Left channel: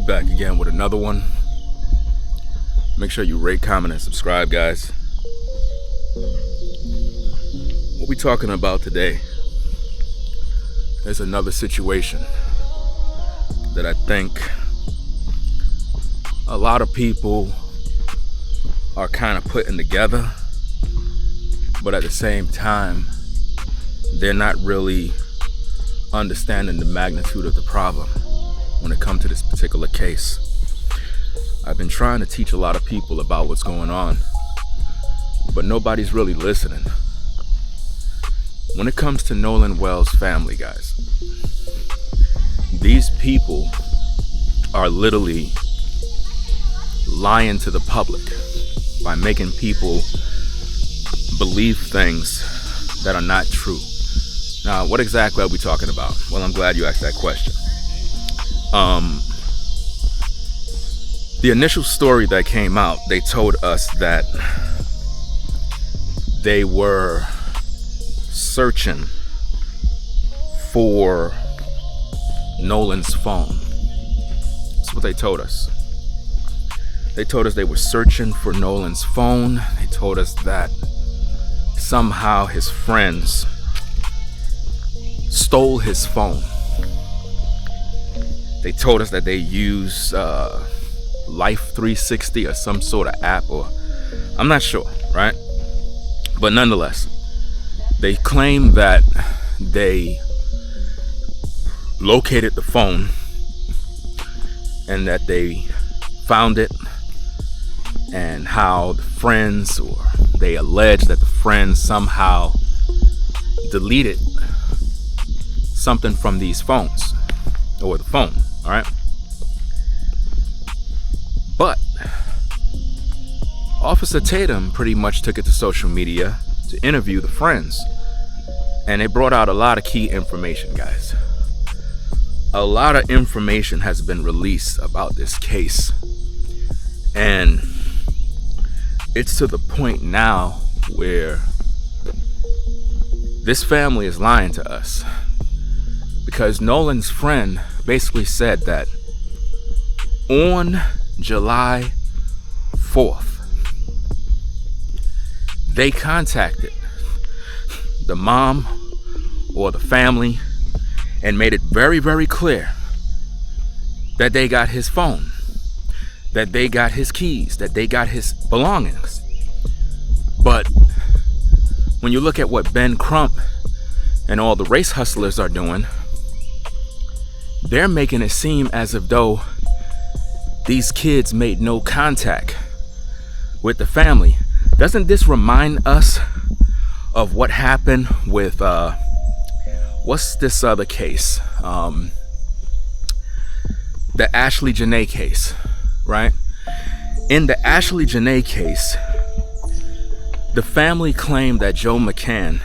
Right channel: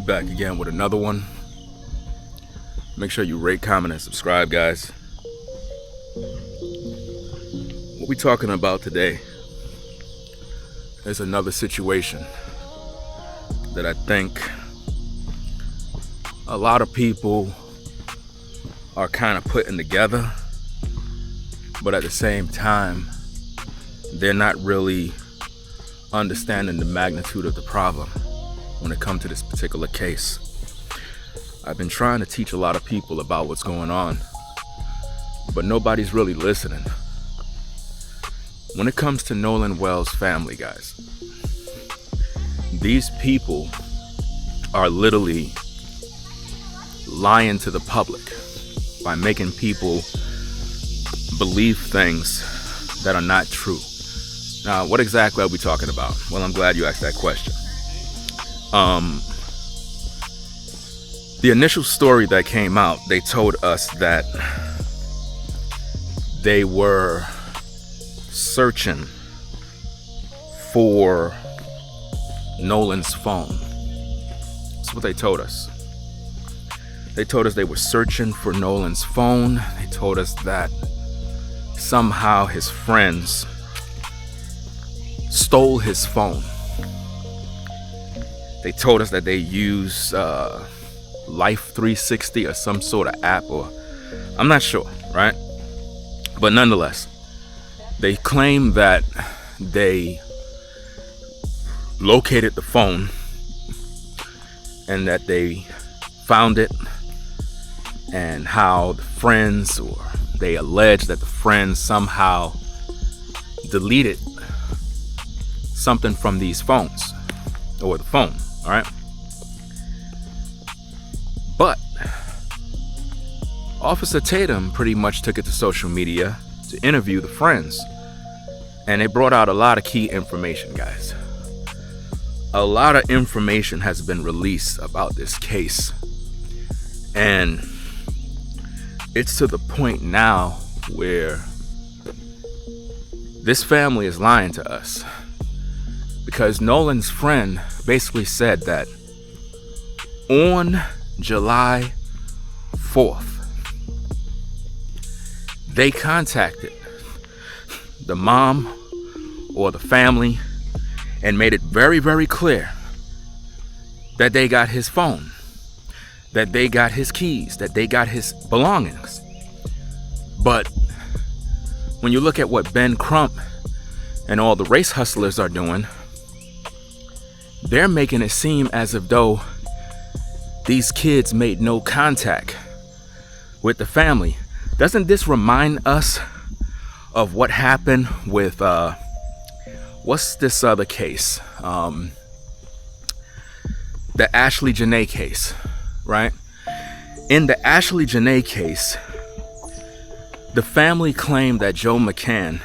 We're back again with another one. Make sure you rate, comment, and subscribe, guys. What we talking about today is another situation that I think a lot of people are kind of putting together, but at the same time, they're not really understanding the magnitude of the problem when it comes to this particular case. I've been trying to teach a lot of people about what's going on, but nobody's really listening. When it comes to Nolan Wells' family, guys, these people are literally lying to the public by making people believe things that are not true. Now, what exactly are we talking about? Well, I'm glad you asked that question. The initial story that came out, they told us that they were searching for Nolan's phone. That's what they told us. They told us they were searching for Nolan's phone. They told us that somehow his friends stole his phone. They told us that they use Life 360 or some sort of app, or I'm not sure, right? But nonetheless, they claim that they located the phone and that they found it, and how the friends, or they allege that the friends somehow deleted something from these phones, or the phone, all right? But Officer Tatum pretty much took it to social media to interview the friends, and they brought out a lot of key information, guys. A lot of information has been released about this case, and it's to the point now where this family is lying to us, because Nolan's friend basically said that on July 4th, they contacted the mom or the family and made it very, very clear that they got his phone, that they got his keys, that they got his belongings. But when you look at what Ben Crump and all the race hustlers are doing, they're making it seem as if though these kids made no contact with the family. Doesn't this remind us of what happened with what's this other case? The Ashley Janae case, right? In the Ashley Janae case, the family claimed that Joe McCann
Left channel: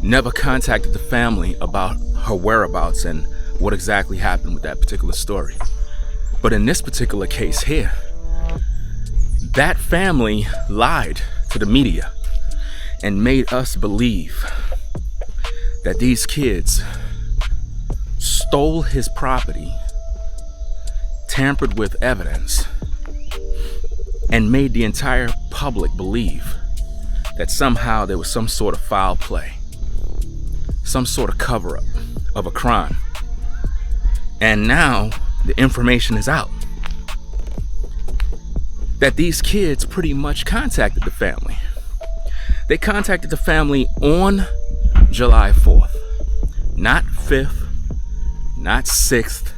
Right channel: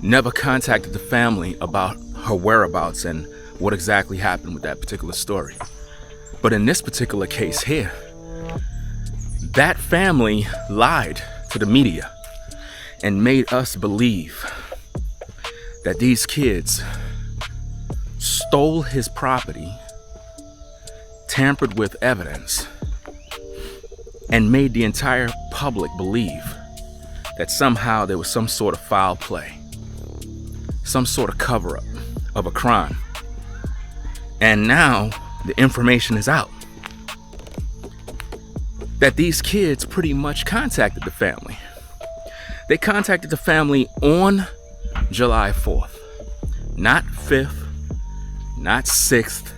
never contacted the family about her whereabouts and what exactly happened with that particular story. But in this particular case here, that family lied to the media and made us believe that these kids stole his property, tampered with evidence, and made the entire public believe that somehow there was some sort of foul play, some sort of cover-up of a crime. And now the information is out that these kids pretty much contacted the family. They contacted the family on July 4th, not 5th, not 6th.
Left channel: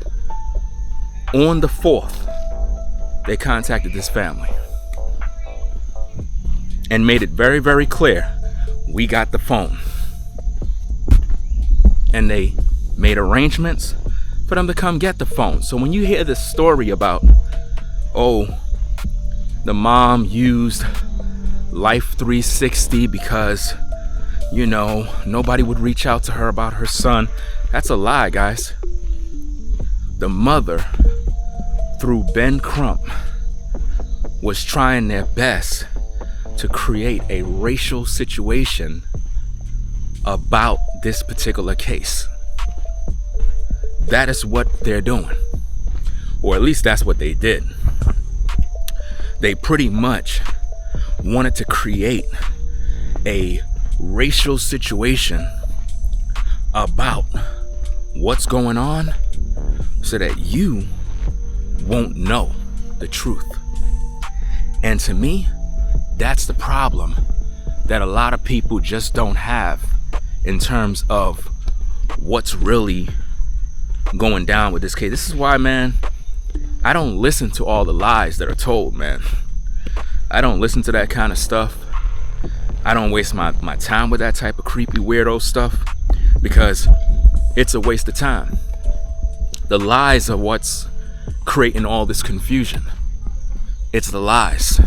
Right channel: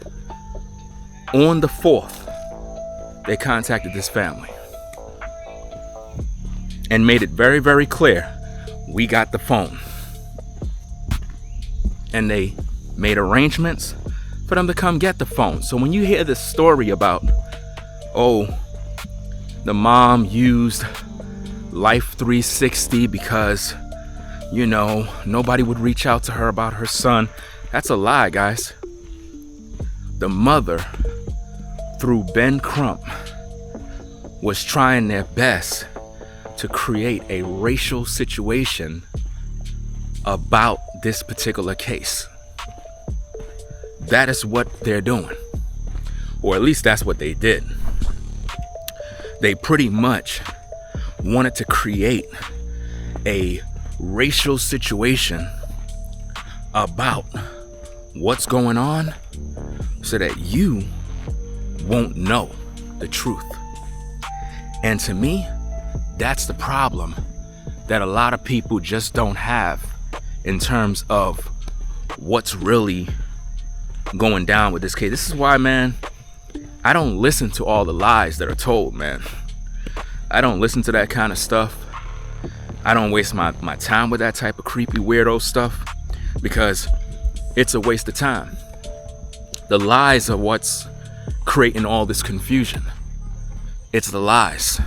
On the 4th, they contacted this family and made it very, very clear, we got the phone. And they made arrangements for them to come get the phone. So when you hear this story about, oh, the mom used Life 360 because, you know, nobody would reach out to her about her son, that's a lie, guys. The mother, through Ben Crump, was trying their best to create a racial situation about this particular case. That is what they're doing. Or at least that's what they did. They pretty much wanted to create a racial situation about what's going on so that you won't know the truth. And to me, that's the problem that a lot of people just don't have in terms of what's really going down with this case. This is why, man, I don't listen to all the lies that are told, man. I don't listen to that kind of stuff. I don't waste my time with that type of creepy weirdo stuff because it's a waste of time. The lies are what's creating all this confusion. It's the lies.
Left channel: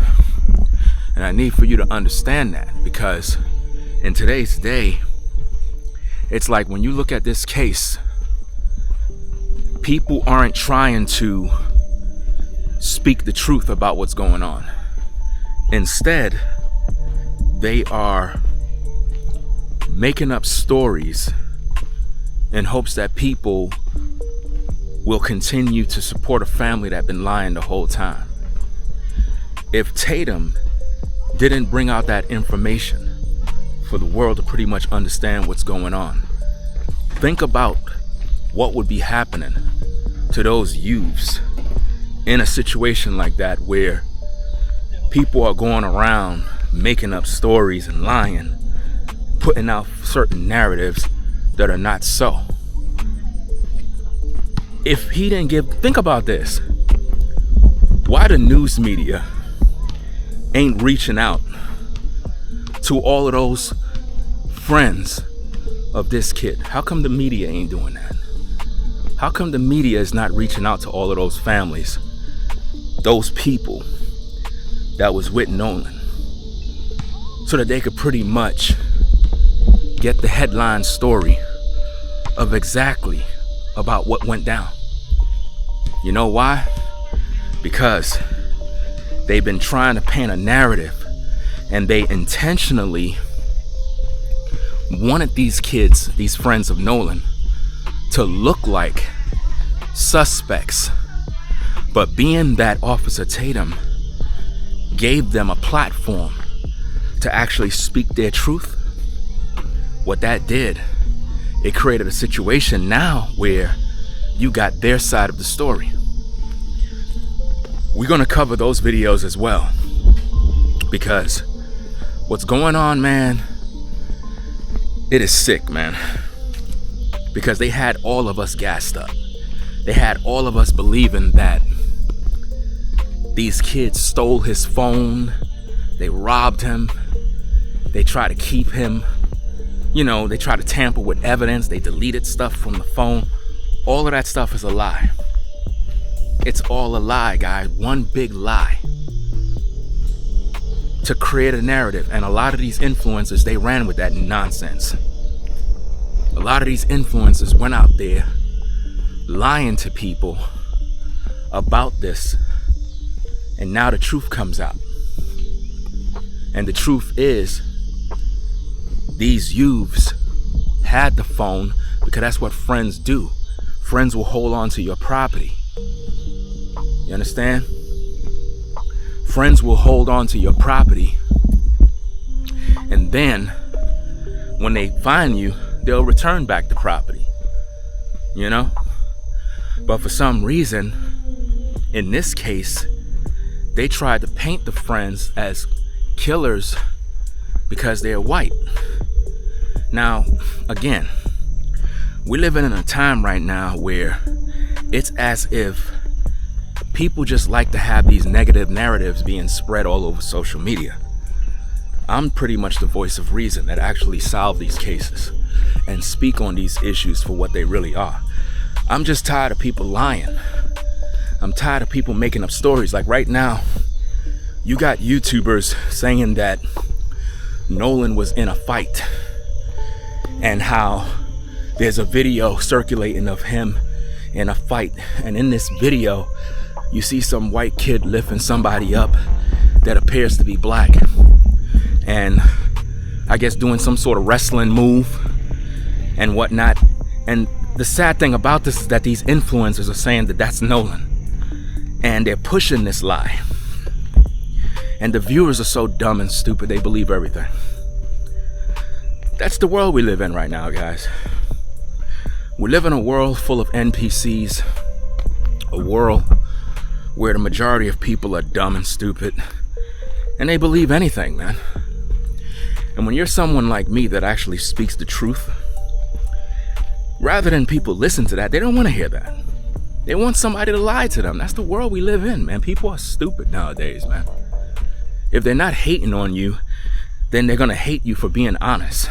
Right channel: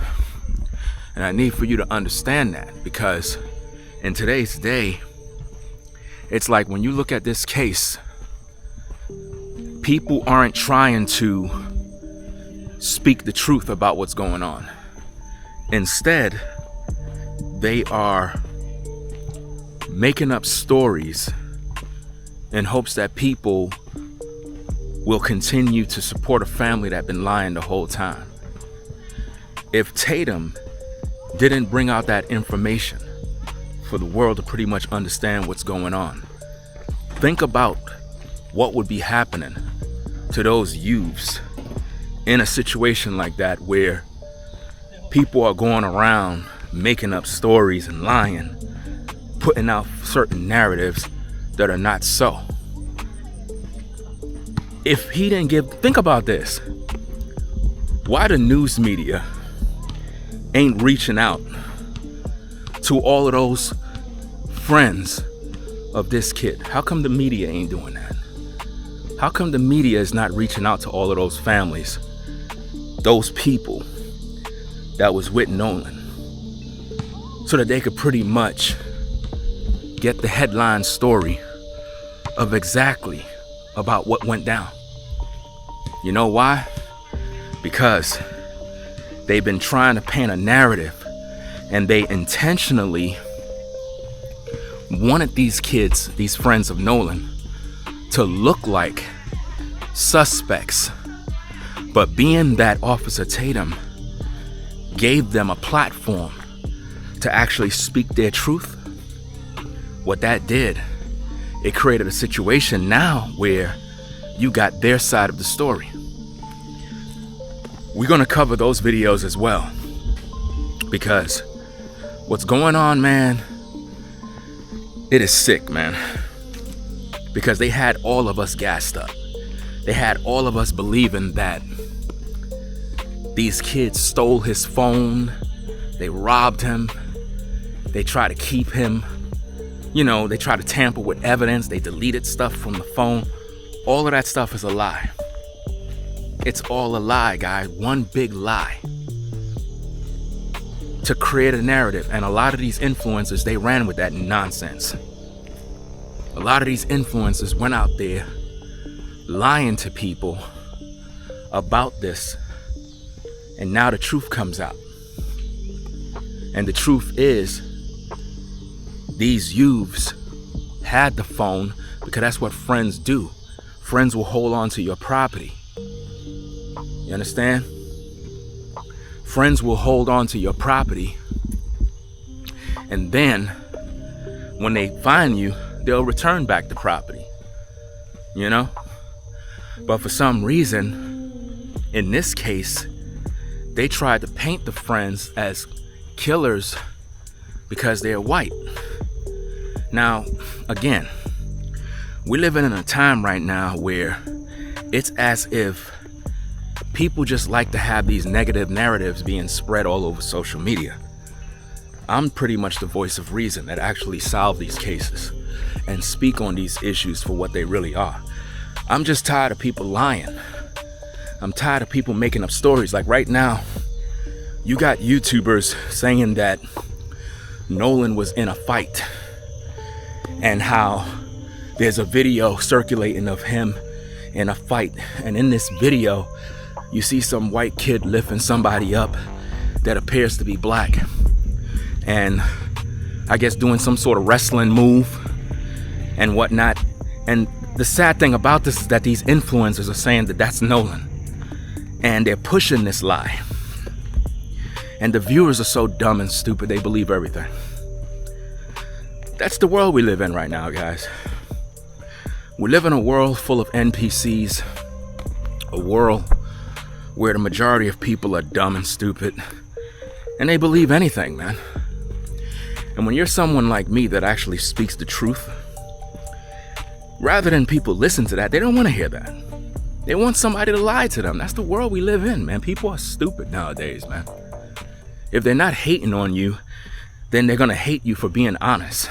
And I need for you to understand that, because in today's day, it's like when you look at this case, people aren't trying to speak the truth about what's going on. Instead, they are making up stories in hopes that people will continue to support a family that's been lying the whole time. If Tatum didn't bring out that information for the world to pretty much understand what's going on, think about what would be happening to those youths in a situation like that, where people are going around making up stories and lying, putting out certain narratives that are not so. If he didn't think about this, why the news media ain't reaching out to all of those friends of this kid? How come the media ain't doing that? How come the media is not reaching out to all of those families, those people that was with Nolan, so that they could pretty much get the headline story of exactly about what went down? You know why? Because they've been trying to paint a narrative, and they intentionally wanted these kids, these friends of Nolan, to look like suspects. But being that Officer Tatum gave them a platform to actually speak their truth, what that did, it created a situation now where you got their side of the story. We're gonna cover those videos as well, because what's going on, man, it is sick, man. Because they had all of us gassed up. They had all of us believing that these kids stole his phone, they robbed him, they tried to keep him, they tried to tamper with evidence, they deleted stuff from the phone. All of that stuff is a lie. It's all a lie, guys. One big lie to create a narrative. And a lot of these influencers, they ran with that nonsense. A lot of these influencers went out there lying to people about this, and now the truth comes out. And the truth is, these youths had the phone because that's what friends do. Friends will hold on to your property. You understand? Friends will hold on to your property, and then when they find you, they'll return back the property. But for some reason, in this case, they tried to paint the friends as killers because they're white. Now, again, we're living in a time right now where it's as if people just like to have these negative narratives being spread all over social media. I'm pretty much the voice of reason that actually solve these cases and speak on these issues for what they really are. I'm just tired of people lying. I'm tired of people making up stories. Like right now, you got YouTubers saying that Nolan was in a fight, and how there's a video circulating of him in a fight. And in this video, you see some white kid lifting somebody up that appears to be black, and I guess doing some sort of wrestling move and whatnot. And the sad thing about this is that these influencers are saying that that's Nolan. And they're pushing this lie. And the viewers are so dumb and stupid, they believe everything. That's the world we live in right now, guys. We live in a world full of NPCs, a world where the majority of people are dumb and stupid, and they believe anything, man. And when you're someone like me that actually speaks the truth, rather than people listen to that, they don't want to hear that. They want somebody to lie to them. That's the world we live in, man. People are stupid nowadays, man. If they're not hating on you, then they're gonna hate you for being honest.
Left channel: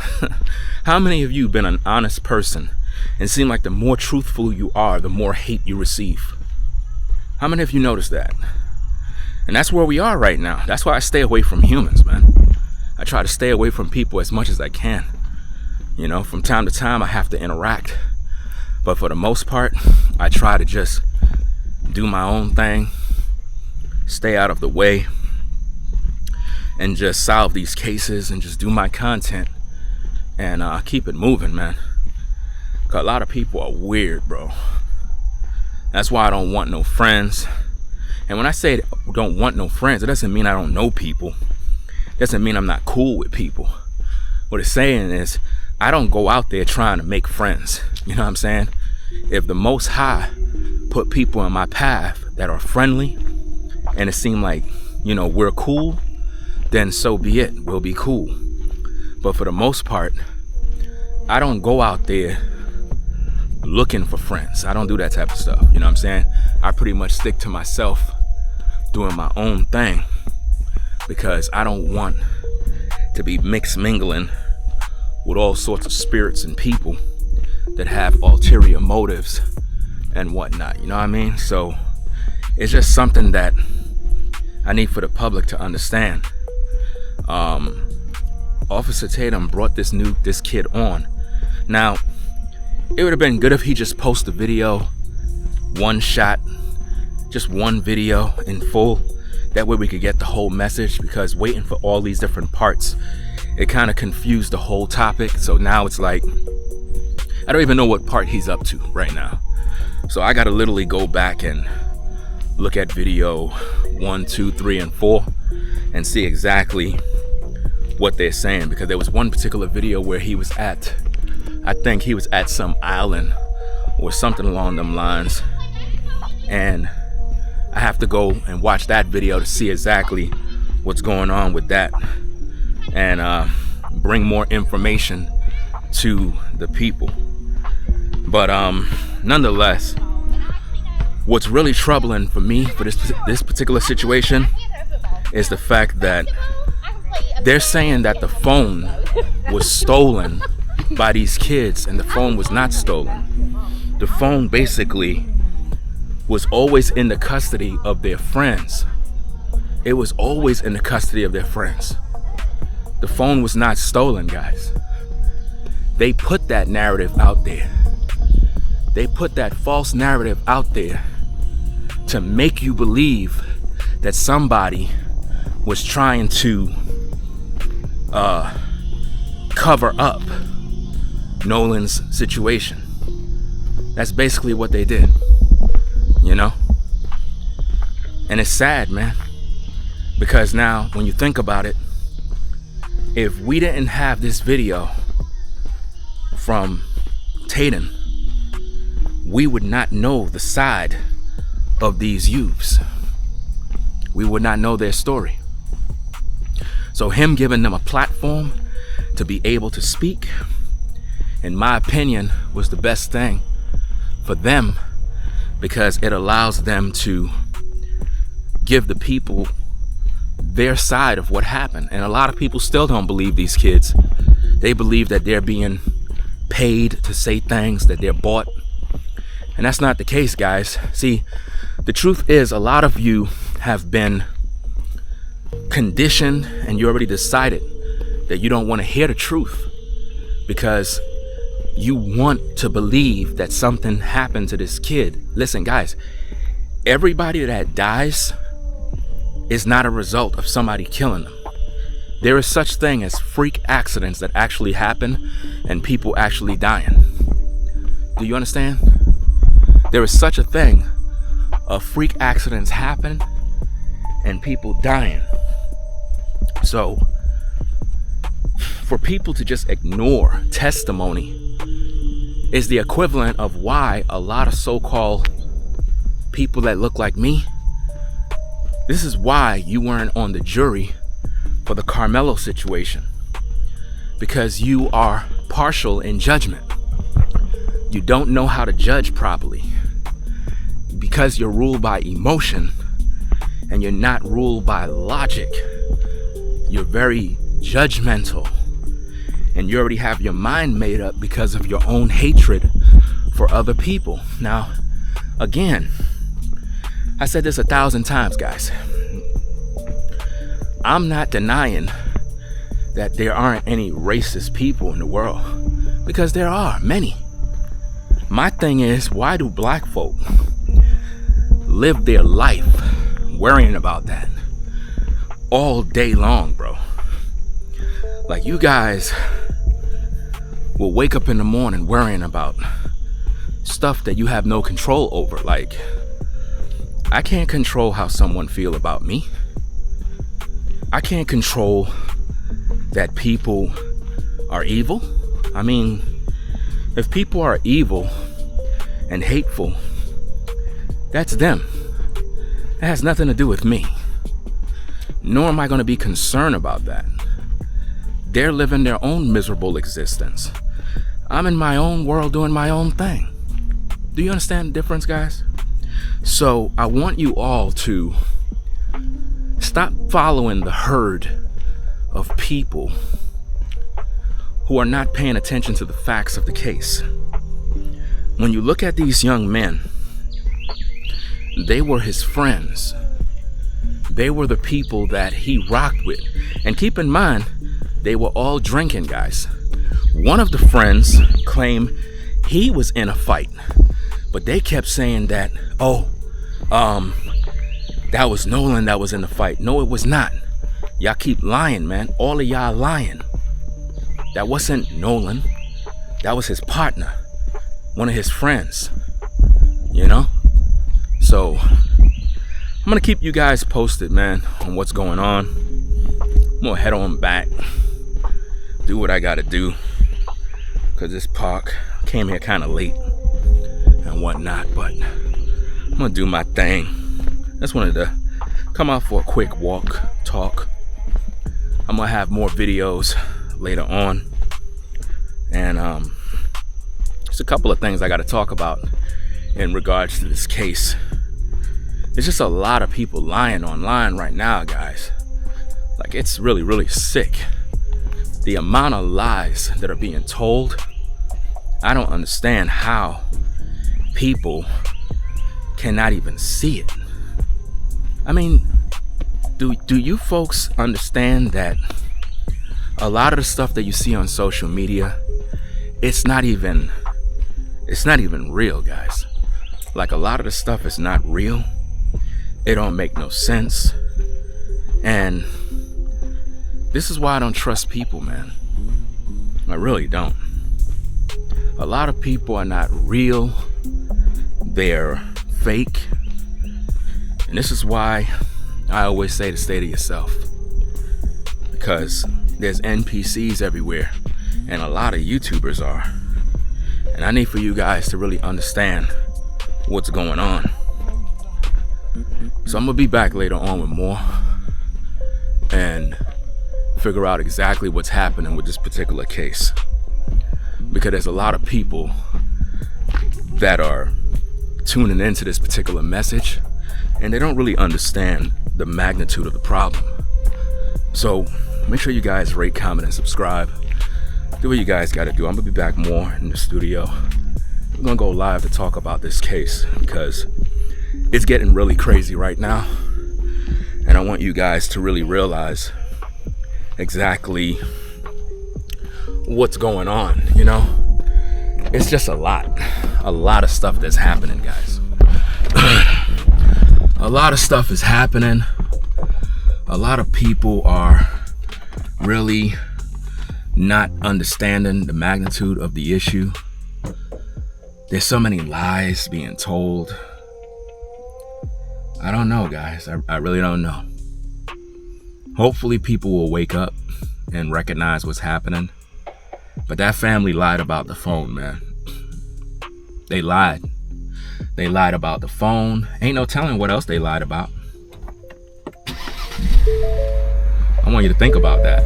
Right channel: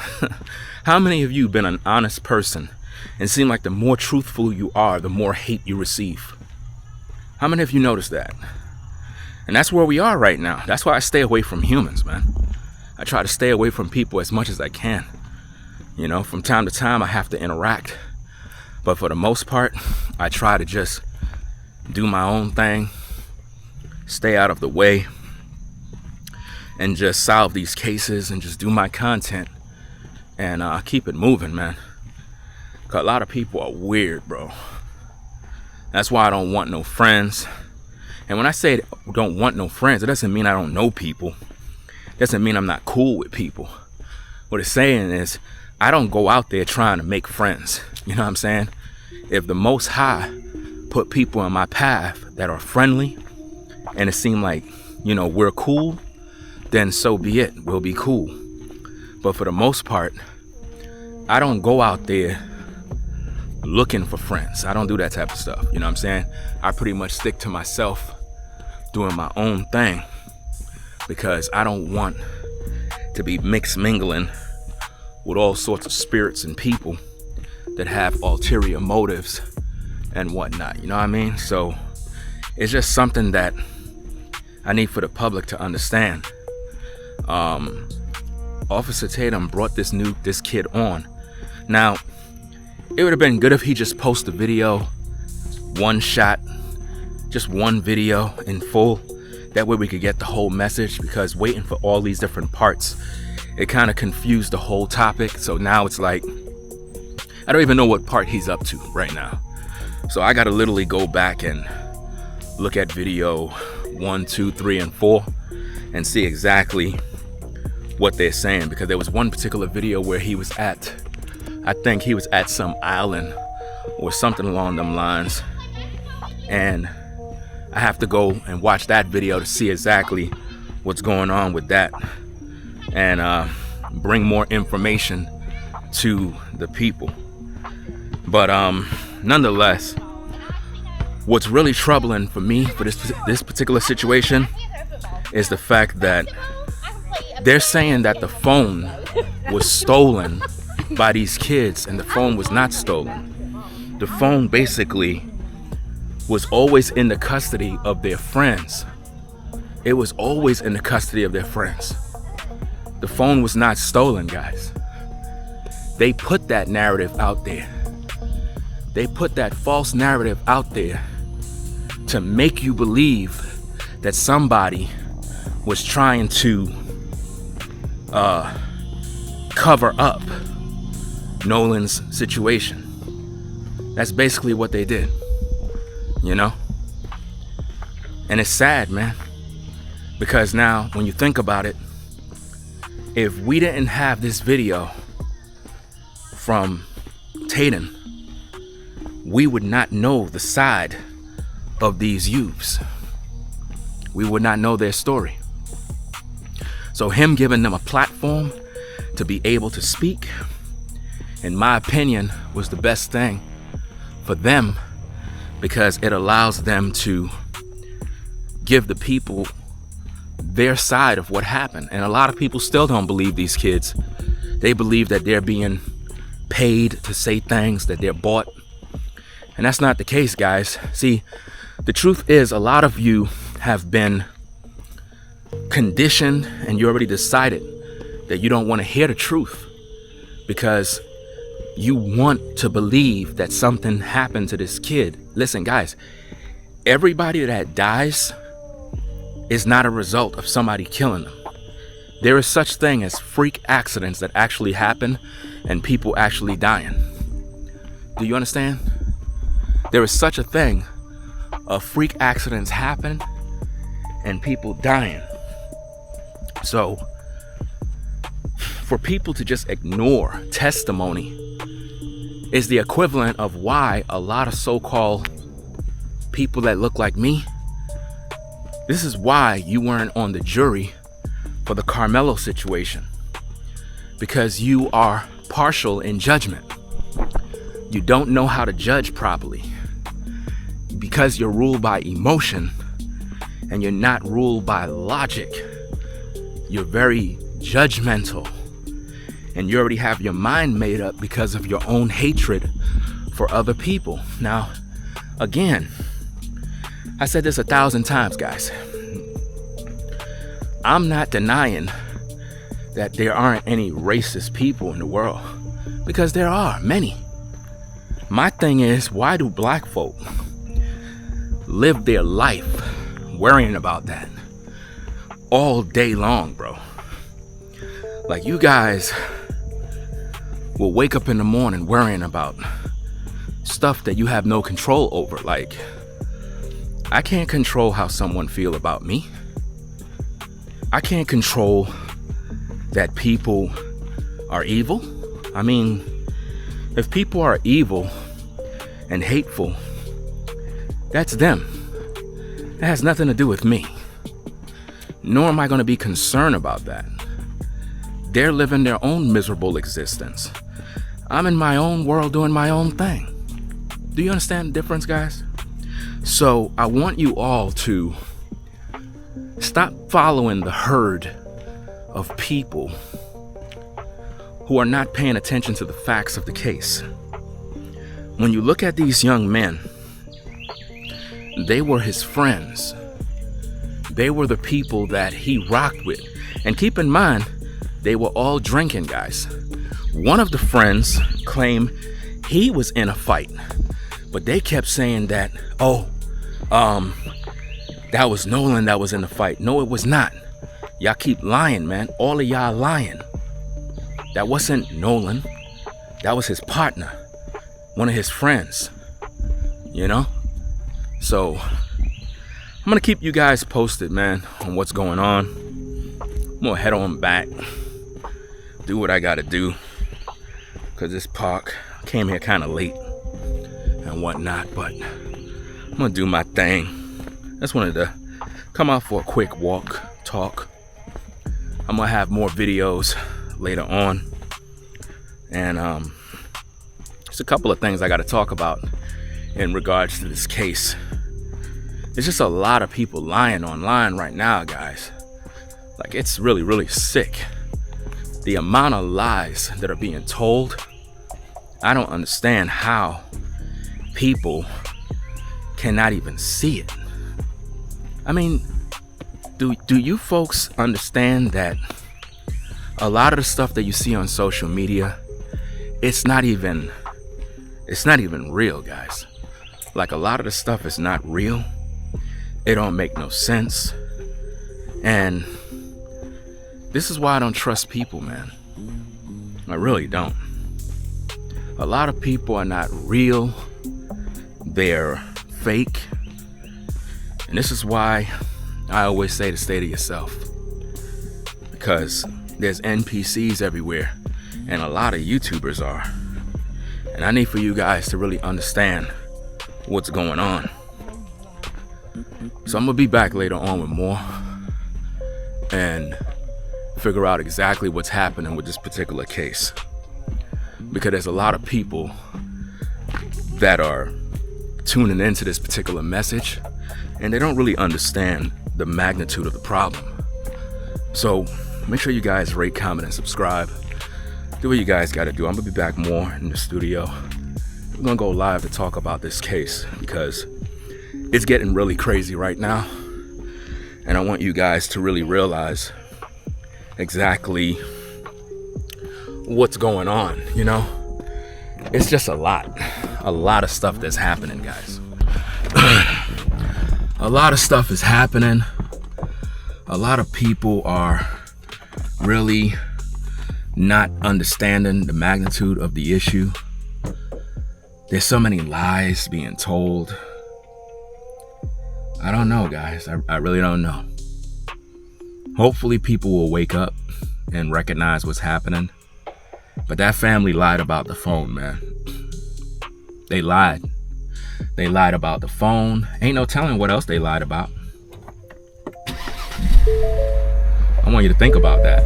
How many of you been an honest person and seem like the more truthful you are, the more hate you receive? How many of you noticed that? And that's where we are right now. That's why I stay away from humans, man. I try to stay away from people as much as I can. You know, from time to time I have to interact, but for the most part, I try to just do my own thing, stay out of the way, and just solve these cases and just do my content and keep it moving, man. 'Cause a lot of people are weird, bro. That's why I don't want no friends. And when I say don't want no friends, it doesn't mean I don't know people. It doesn't mean I'm not cool with people. What it's saying is I don't go out there trying to make friends. You know what I'm saying? If the Most High put people in my path that are friendly and it seemed like, you know, we're cool, then so be it. We'll be cool. But for the most part, I don't go out there looking for friends. I don't do that type of stuff. You know what I'm saying? I pretty much stick to myself, doing my own thing, because I don't want to be mixed mingling with all sorts of spirits and people that have ulterior motives and whatnot. You know what I mean? So it's just something that I need for the public to understand. Officer Tatum brought this kid on. Now, it would have been good if he just posted a video, one shot, just one video in full. That way we could get the whole message, because waiting for all these different parts, it kind of confused the whole topic. So now it's like, I don't even know what part he's up to right now. So I got to literally go back and look at video 1, 2, 3, and 4 and see exactly what they're saying, because there was one particular video where he was at, I think he was at some island or something along them lines, and I have to go and watch that video to see exactly what's going on with that and bring more information to the people. But nonetheless, what's really troubling for me for this particular situation is the fact that they're saying that the phone was stolen by these kids, and the phone was not stolen. The phone basically was always in the custody of their friends. It was always in the custody of their friends. The phone was not stolen, guys. They put that narrative out there. They put that false narrative out there to make you believe that somebody was trying to cover up Nolan's situation. That's basically what they did, you know? And it's sad, man, because now when you think about it, if we didn't have this video from Tatum, we would not know the side of these youths. We would not know their story. So him giving them a platform to be able to speak, in my opinion, was the best thing for them, because it allows them to give the people their side of what happened. And a lot of people still don't believe these kids. They believe that they're being paid to say things, that they're bought. And that's not the case, guys. See, the truth is, a lot of you have been conditioned and you already decided that you don't want to hear the truth because you want to believe that something happened to this kid. Listen, guys, everybody that dies is not a result of somebody killing them. There is such thing as freak accidents that actually happen and people actually dying. Do you understand? There is such a thing of freak accidents happen and people dying. So for people to just ignore testimony is the equivalent of why a lot of so-called people that look like me, this is why you weren't on the jury for the Carmelo situation, because you are partial in judgment. You don't know how to judge properly because you're ruled by emotion and you're not ruled by logic. You're very judgmental and you already have your mind made up because of your own hatred for other people. Now, again, I said this 1,000 times, guys. I'm not denying that there aren't any racist people in the world, because there are many. My thing is, why do black folk live their life worrying about that all day long, bro? Like, you guys will wake up in the morning worrying about stuff that you have no control over. Like, I can't control how someone feel about me. I can't control that people are evil. I mean, if people are evil and hateful, that's them. It has nothing to do with me. Nor am I going to be concerned about that. They're living their own miserable existence. I'm in my own world doing my own thing. Do you understand the difference, guys? So I want you all to stop following the herd of people who are not paying attention to the facts of the case. When you look at these young men, they were his friends. They were the people that he rocked with. And keep in mind, they were all drinking, guys. One of the friends claimed he was in a fight, but they kept saying that, that was Nolan that was in the fight. No, it was not. Y'all keep lying, man. All of y'all lying. That wasn't Nolan. That was his partner, one of his friends, you know? So I'm gonna keep you guys posted, man, on what's going on. I'm gonna head on back, do what I gotta do, because this park came here kind of late and whatnot, but I'm gonna do my thing. Just wanted to come out for a quick walk, talk. I'm gonna have more videos later on, and just a couple of things I gotta talk about in regards to this case. There's just a lot of people lying online right now, guys. Like, it's really, really sick. The amount of lies that are being told, I don't understand how people cannot even see it. I mean, do you folks understand that a lot of the stuff that you see on social media, it's not even real, guys. Like, a lot of the stuff is not real. It don't make no sense. And this is why I don't trust people, man. I really don't. A lot of people are not real. They're fake. And this is why I always say to stay to yourself. Because there's NPCs everywhere. And a lot of YouTubers are. And I need for you guys to really understand what's going on. So I'm gonna be back later on with more and figure out exactly what's happening with this particular case, because there's a lot of people that are tuning into this particular message and they don't really understand the magnitude of the problem. So make sure you guys rate, comment, and subscribe. Do what you guys gotta do. I'm gonna be back more in the studio. We're gonna go live to talk about this case because it's getting really crazy right now, and I want you guys to really realize exactly what's going on, you know? It's just a lot of stuff that's happening, guys. A lot of stuff is happening. A lot of people are really not understanding the magnitude of the issue. There's so many lies being told. I don't know, guys. I really don't know. Hopefully people will wake up and recognize what's happening. But that family lied about the phone, man. They lied. They lied about the phone. Ain't no telling what else they lied about. I want you to think about that.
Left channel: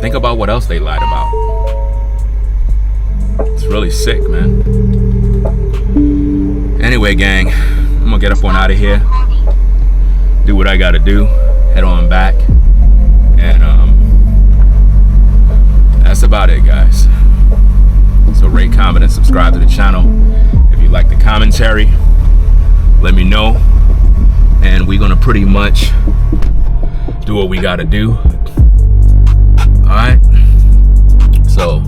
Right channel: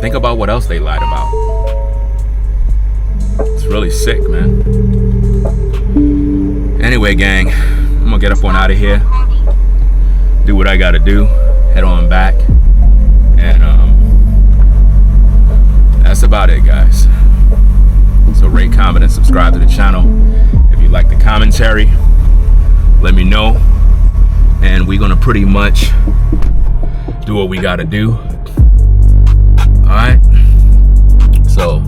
Think about what else they lied about. It's really sick, man. Anyway, gang, I'm gonna get up on out of here, do what I gotta do, head on back, and that's about it, guys. So rate, comment, and subscribe to the channel. If you like the commentary, let me know, and we're gonna pretty much do what we gotta do. All right. So,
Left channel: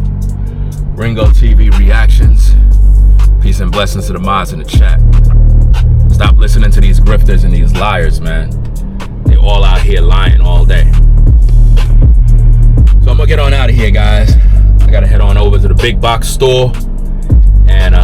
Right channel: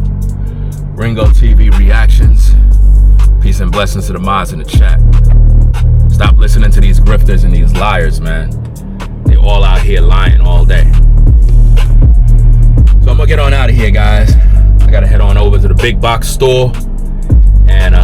Ringo TV reactions. Peace and blessings to the mods in the chat. Stop listening to these grifters and these liars, man. They all out here lying all day. So I'm gonna get on out of here, guys. I gotta head on over to the big box store and